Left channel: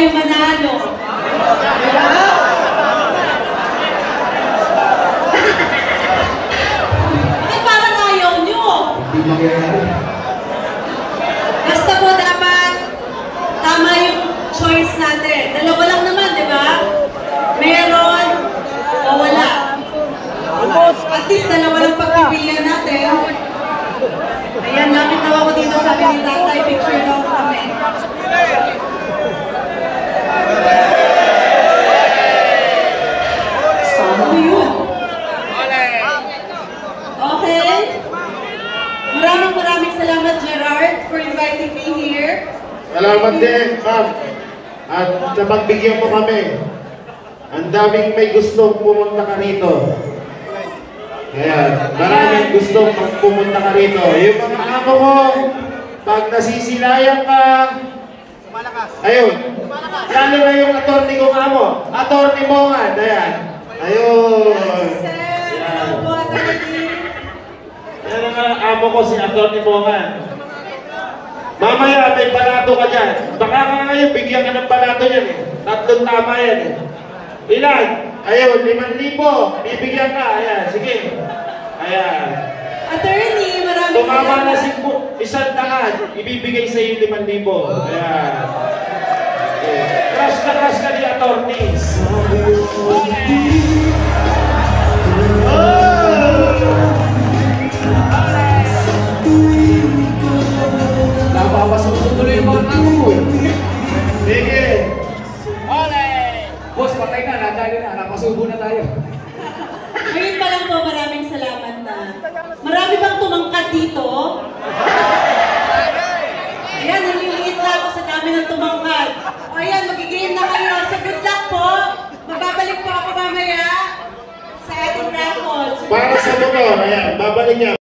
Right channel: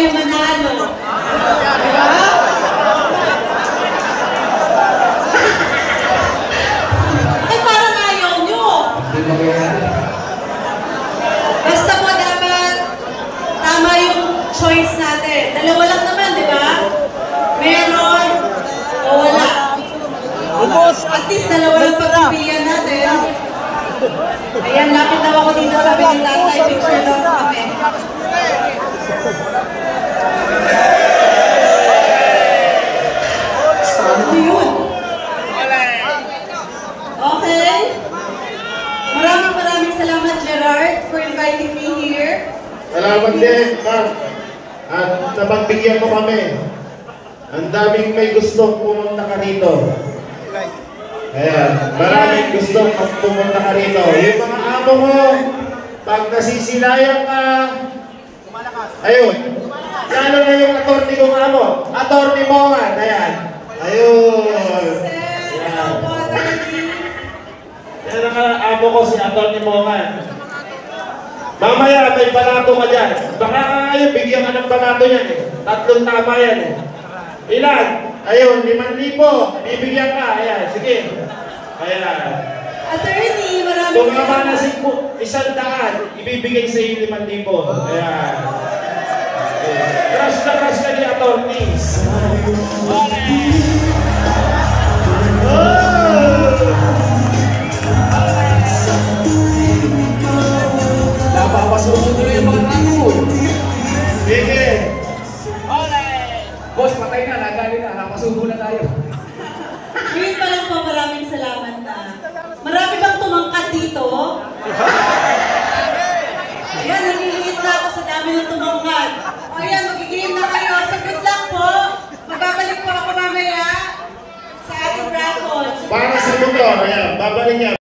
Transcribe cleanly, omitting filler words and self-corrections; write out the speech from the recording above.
kayo manalo. Diba? Bakit parang ayaw nyo? Basta po dapat tama yung choice natin. Dalawa lang naman, di ba? Meron o wala. At least dalawa lang pagpipilian natin. Ayan, lapit daw ako dito, sabi ni Tatay, picture daw kami. Ano yun? Okay. Maraming salamat, Gerard, for inviting me here. Salamat din, ma'am. At napagbigyan mo kami. Ang daming may gustong pumunta ka rito. Ayan, maraming gustong pumunta ka rito. Yung mga amo mo, pag nasisilayan ka, ayun. Lalo na yung attorney kong amo. Attorney mo nga, ayan. Ayun. Yan ang amo ko, si attorney mo nga. Mamaya, may banato ka dyan. Baka ka ngayon, bigyan ka ng banato yan eh. 3 tama yan eh. Ilan? Ayun, 5,000. Bibigyan ka. Ayan, sige. Ayan. Attorney, maraming tumama na 100, ibibigay sa iyo 5,000. Ayan. Crush na crush ka ni attorneys. Napapasuko tuloy yung mga ako. Sige. Boss, patay na. Nadali na. Napasubo na tayo. Ngayon pa lang po, maraming salamat na. Marami bang tumangkad dito? Ayan, naliliit na ako sa dami ng tumangkad. Ayan, magigame na kayo. So good luck po. Magbabalik po ako mamaya sa ating raffle. Para sa motor, ayan, babalik niya.